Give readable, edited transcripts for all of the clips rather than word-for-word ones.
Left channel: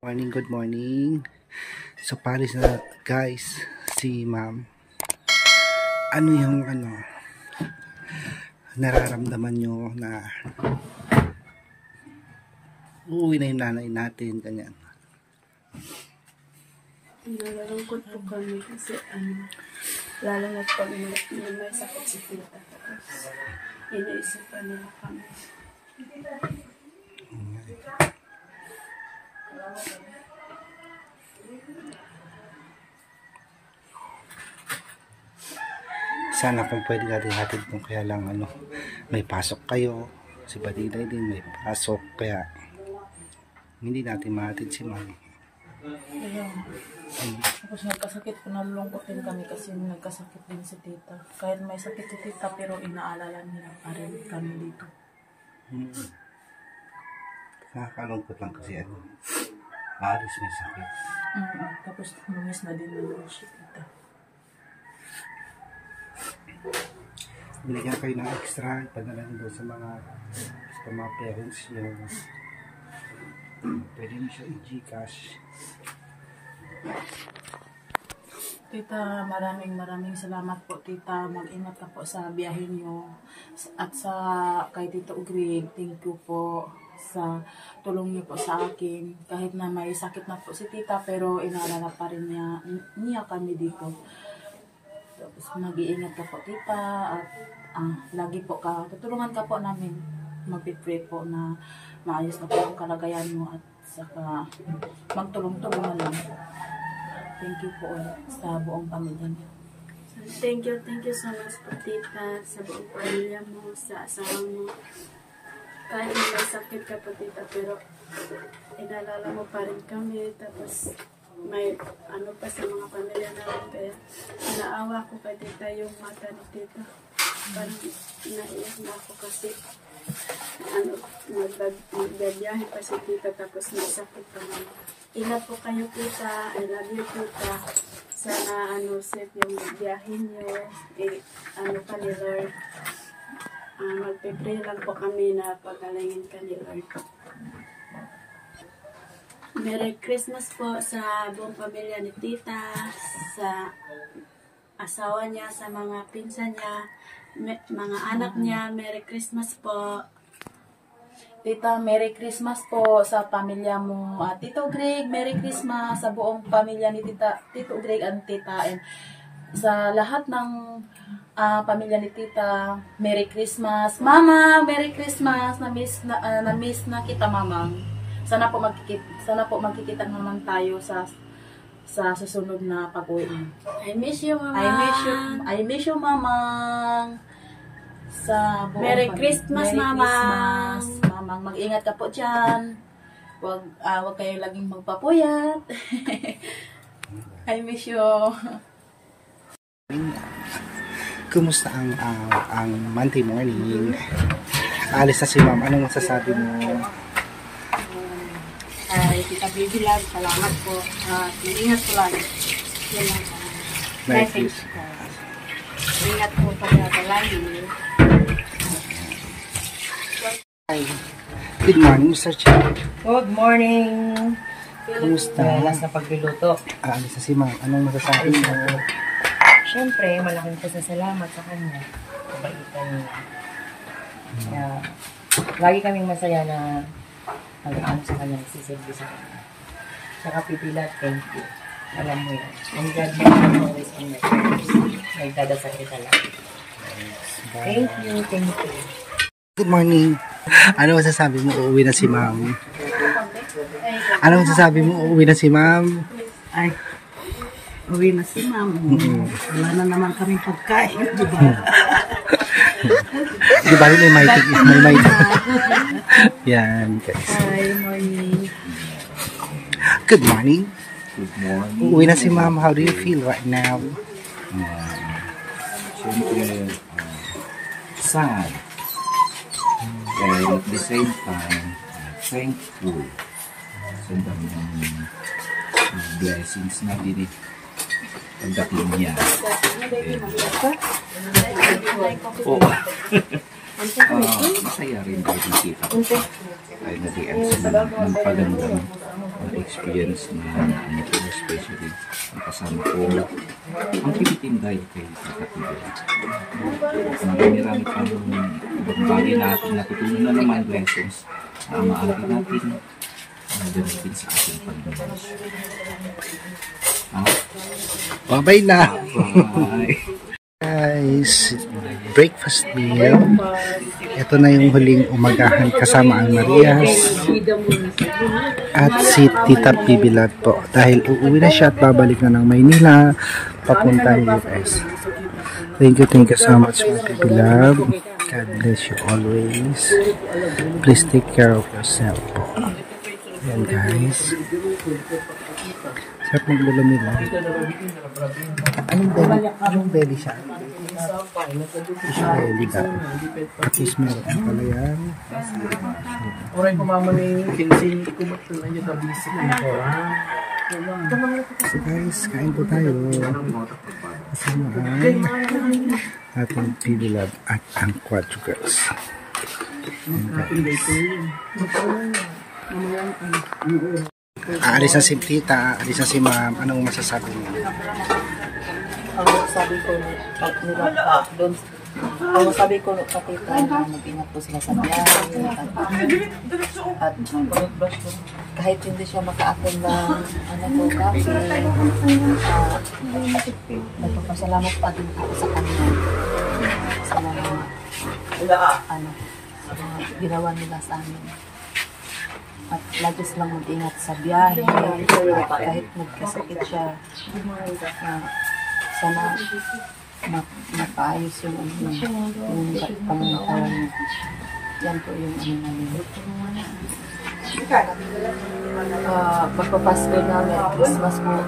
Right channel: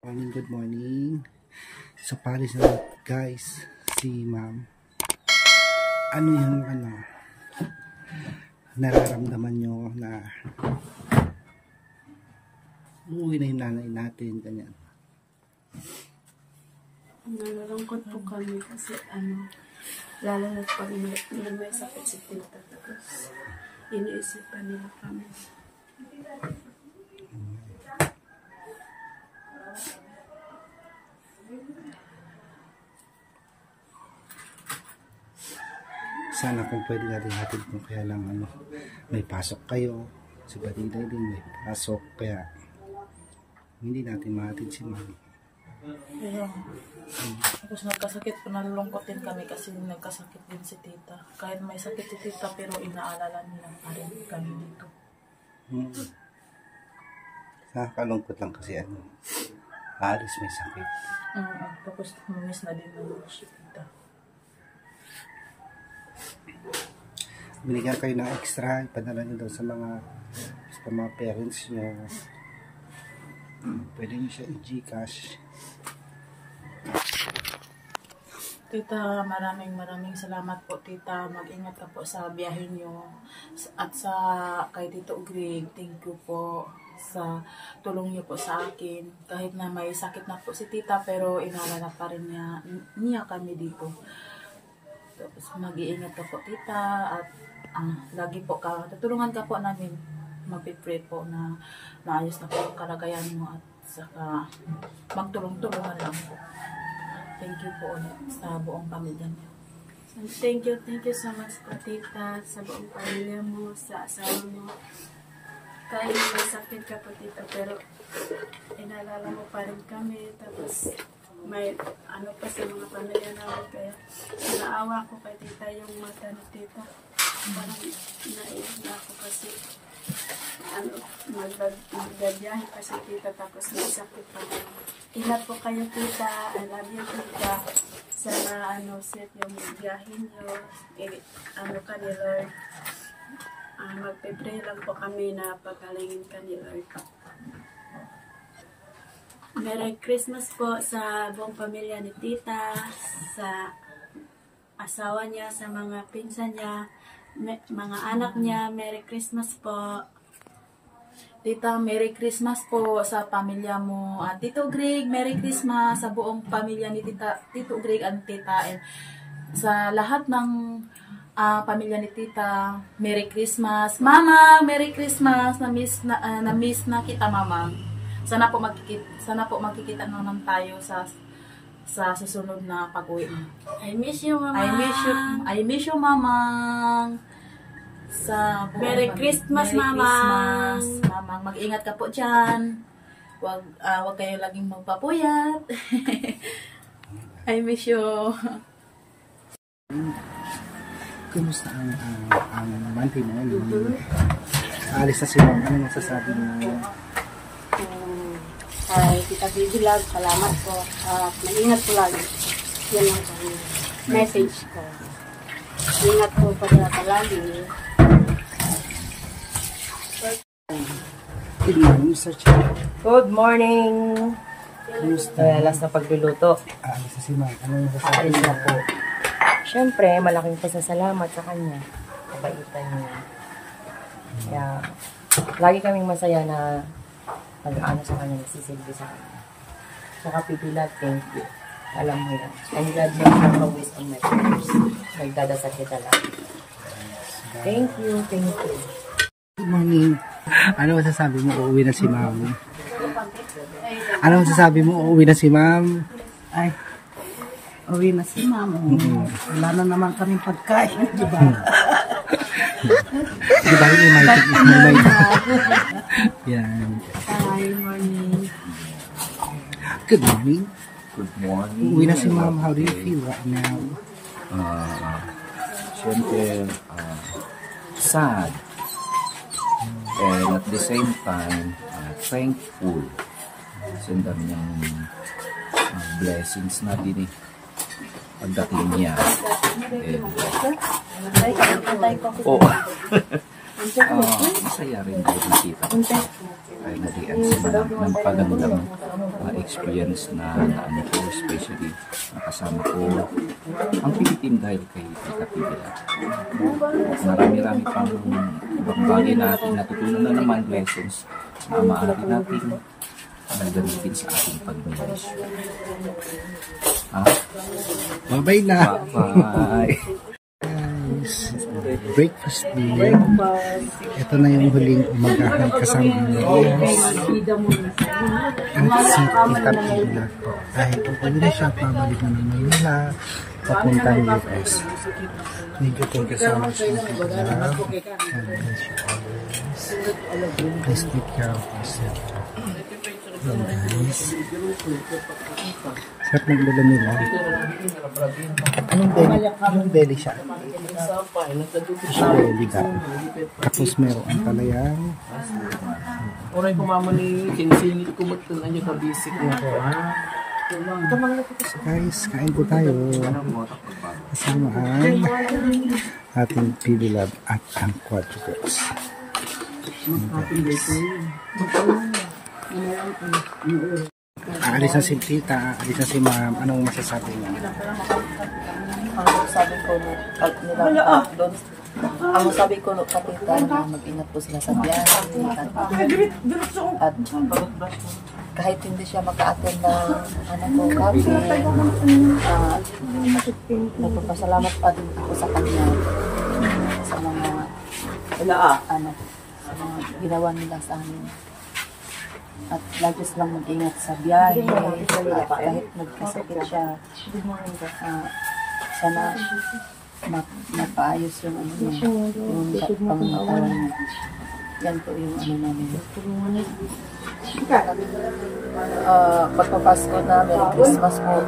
Morning, good morning. So Paris na guys, si ma'am. Ano yung nararamdaman nyo na uuwi na yung nanay natin, ganyan? Nalulungkot po kami kasi lalo na pag may sakit si tita, tapos iniisipan nila kami. Sana kung pwede natin hatid kung kaya lang may pasok kayo, si Badiday din may pasok, kaya hindi natin mahatid si ma'am. Tapos nagkasakit po, nalulungkot din kami kasi nagkasakit din si tita. Kahit may sakit si tita pero inaalala nila pa rin kami dito. Nakakalungkot lang kasi Aris may sakit. Tapos umiss na din naman si tita. Binigyan kayo ng extra, ipadala nyo daw sa mga parents nyo. Pwede nyo siya i-Gcash. Tita, maraming salamat po tita. Mag-ingat ka po sa biyahe nyo. At kay Tito Greg, thank you po sa tulong niyo po sa akin. Kahit na may sakit na po si tita pero inaalala pa rin niya kami dito. Tapos mag-iingat ka po tita at lagi po tutulungan ka po namin. Mag-pray po na maayos na po ang kalagayan mo at saka magtulong-tulungan lang po. Thank you po ulit sa buong pamilya mo. So, thank you so much po tita, sa buong pamilya mo, sa asawa mo. Kahit may sakit ka po tita pero inaalala mo pa rin kami, tapos may pa sa mga pamilya namin, kaya naawa ko kay tita yung mata ni tita. Parang naiyak na ako kasi magbabiyahe pa si tita tapos may sakit pa naman. Ingat po kayo tita, I love you tita. Sana safe yung biyahe nyo, ka ni Lord. Magpipray lang po kami na pagalingin ka ni Lord. Merry Christmas po sa buong pamilya ni tita, sa asawa niya, sa mga pinsan niya, mga anak niya. Merry Christmas po. Tita, Merry Christmas po sa pamilya mo. At Tito Greg, Merry Christmas sa buong pamilya ni Tito Greg at Tita. And sa lahat ng pamilya ni Tita, Merry Christmas. Mama, Merry Christmas. Na-miss na kita, Mama. Sana po magkikita naman tayo sa susunod na pag-uwi mo. I miss you, Mama. I miss you, Mama. Merry Christmas, Mama. Mama, mag-ingat ka po dyan. Wag kayo laging magpapuyat. I miss you. Kumusta ang Monday morning? Alis na si ma'am. Anong masasabi mo? Tita Baby Love, salamat po. Mag-ingat po lagi. Yan lang po. Message ko. Ingat po palagi. Good morning, Mr. Chan. Good morning. Kumusta? Last na pagluluto. Alis na si ma'am. Anong masasabi mo? Po. Siyempre, malaking pasasalamat sa kanya. Kabaitan niya. Kaya, lagi kaming masaya na nag-aano sa kanya, nagsisilbi sa kanya. Saka pipila, thank you. Alam mo yan. And God bless you always on my prayers. Nagdadasal kita lang. Thank you. Good morning. Ano masasabi mo? Uuwi na si ma'am. Ano masasabi mo? Uuwi na si ma'am. Ay, uwi na si ma'am. Wala na naman kaming pagkain, di ba? Di ba may may yan, guys. Hi, morning. Good morning. Good morning. Uuwi na si ma'am. How do you feel right now? Siyempre, sad. And at the same time, thankful. Kasi ang dami niyang blessings na pagdating niya. Masaya rin kahit nakita ko. Ay na-DM sa mga pagandang experience na ano ko, especially nakasama ko ang Philippine dahil kay Tita Pibila. Marami-rami pang ibang bagay natin natutunan na naman, lessons na maaari natin gamitin sa ating pag-ministry. Bye-bye na. Bye. Guys, breakfast meal. Ito na yung huling umagahan kasama ang Marias at si Tita Pibilat po. Dahil uuwi na siya at babalik na ng Maynila papuntang US. Thank you so much, Pibilat. God bless you always. Please take care of yourself po. Ayan guys. Sarap magbala nila. Anong belly siya? Fish belly daw. Tapos meron palayang. Oray ko mama ni Kinsi, kumot ko na niya sa bisik ko. So guys, kain po tayo. Kasama ang ating PB Lab at ang Quadro Girls. Aalis na si tita, aalis na si ma'am. Anong masasabi mo? Ang sabi ko nila doon, ang sabi ko kapita na mag-ingat po sila sa biyahe at kahit hindi siya maka-attend ng nagpapasalamat pa din ako sa kanya sa mga ginawa nila sa amin. At lagi silang mag-ingat sa biyahe at kahit nagkasakit siya, sana mapaayos yung yung pangangatawan niya. Yan po yung namin. Pagpapasko na, Merry Christmas po.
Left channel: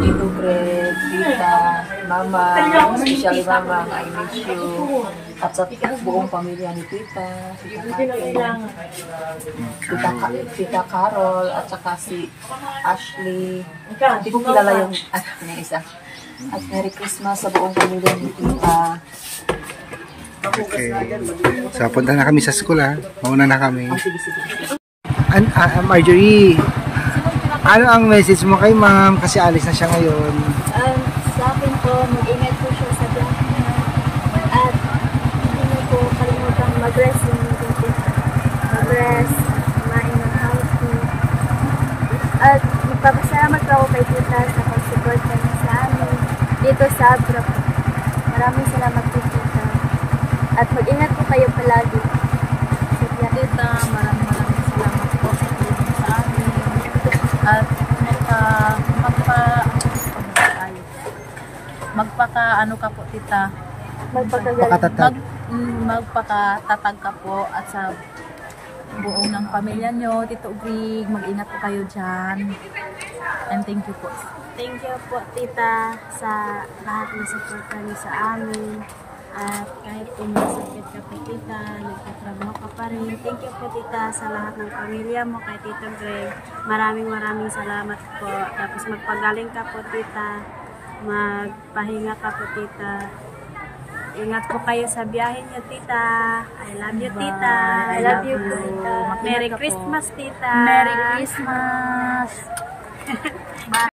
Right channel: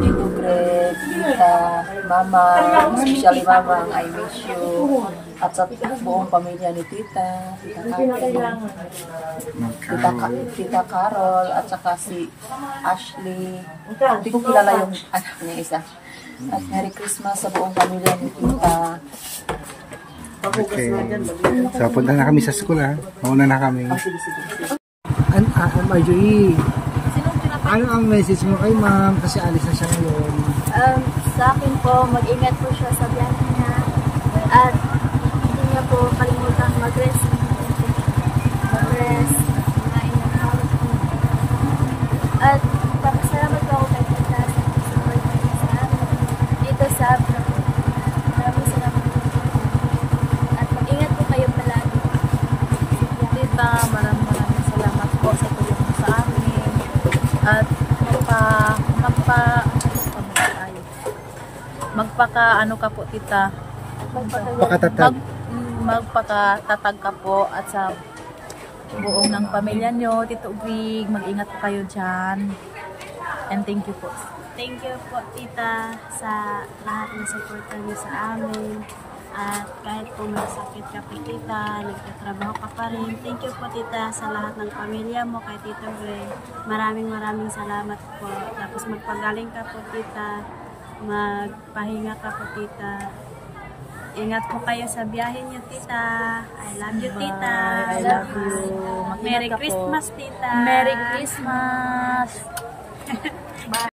Tito Greg, Tita, Mama, especially Mama, I miss you. At sa buong pamilya ni Tita, Tita Kati, Tita Carol, at saka si Ashley. Hindi ko kilala yung anak niya isa. At Merry Christmas sa buong pamilya ni Tita. Okay. So, punta na kami sa school ha. Mauna na kami. Marjorie, ano ang message mo kay ma'am? Kasi alis na siya ngayon. Sa akin po, mag-ingat po siya sa biyahe niya. At hindi niya po kalimutan mag-rest. Mag-rest, kumain ng healthy. At magpapasalamat po ako kay Tita sa pag-support niya sa amin dito sa Abra. Maraming salamat po, Tita. At mag-ingat po kayo palagi. Tita, maraming salamat po sa tulong sa amin. At magpaka-ano ka po, Tita. Magpakatatag ka po at sa buong ng pamilya nyo, Tito Greg, mag-ingat po kayo dyan. And thank you po. Thank you po, Tita, sa lahat ng suporta niyo sa amin. At kahit po may sakit ka po, Tita, nagtatrabaho ka pa rin. Thank you po, Tita, sa lahat ng pamilya mo, kay Tito Greg. Maraming salamat po. Tapos magpagaling ka po, Tita. Magpahinga ka po, Tita. Ingat po kayo sa biyahe niyo, Tita. I love you, Tita. I love you, Tita. Merry Christmas, Tita. Merry Christmas.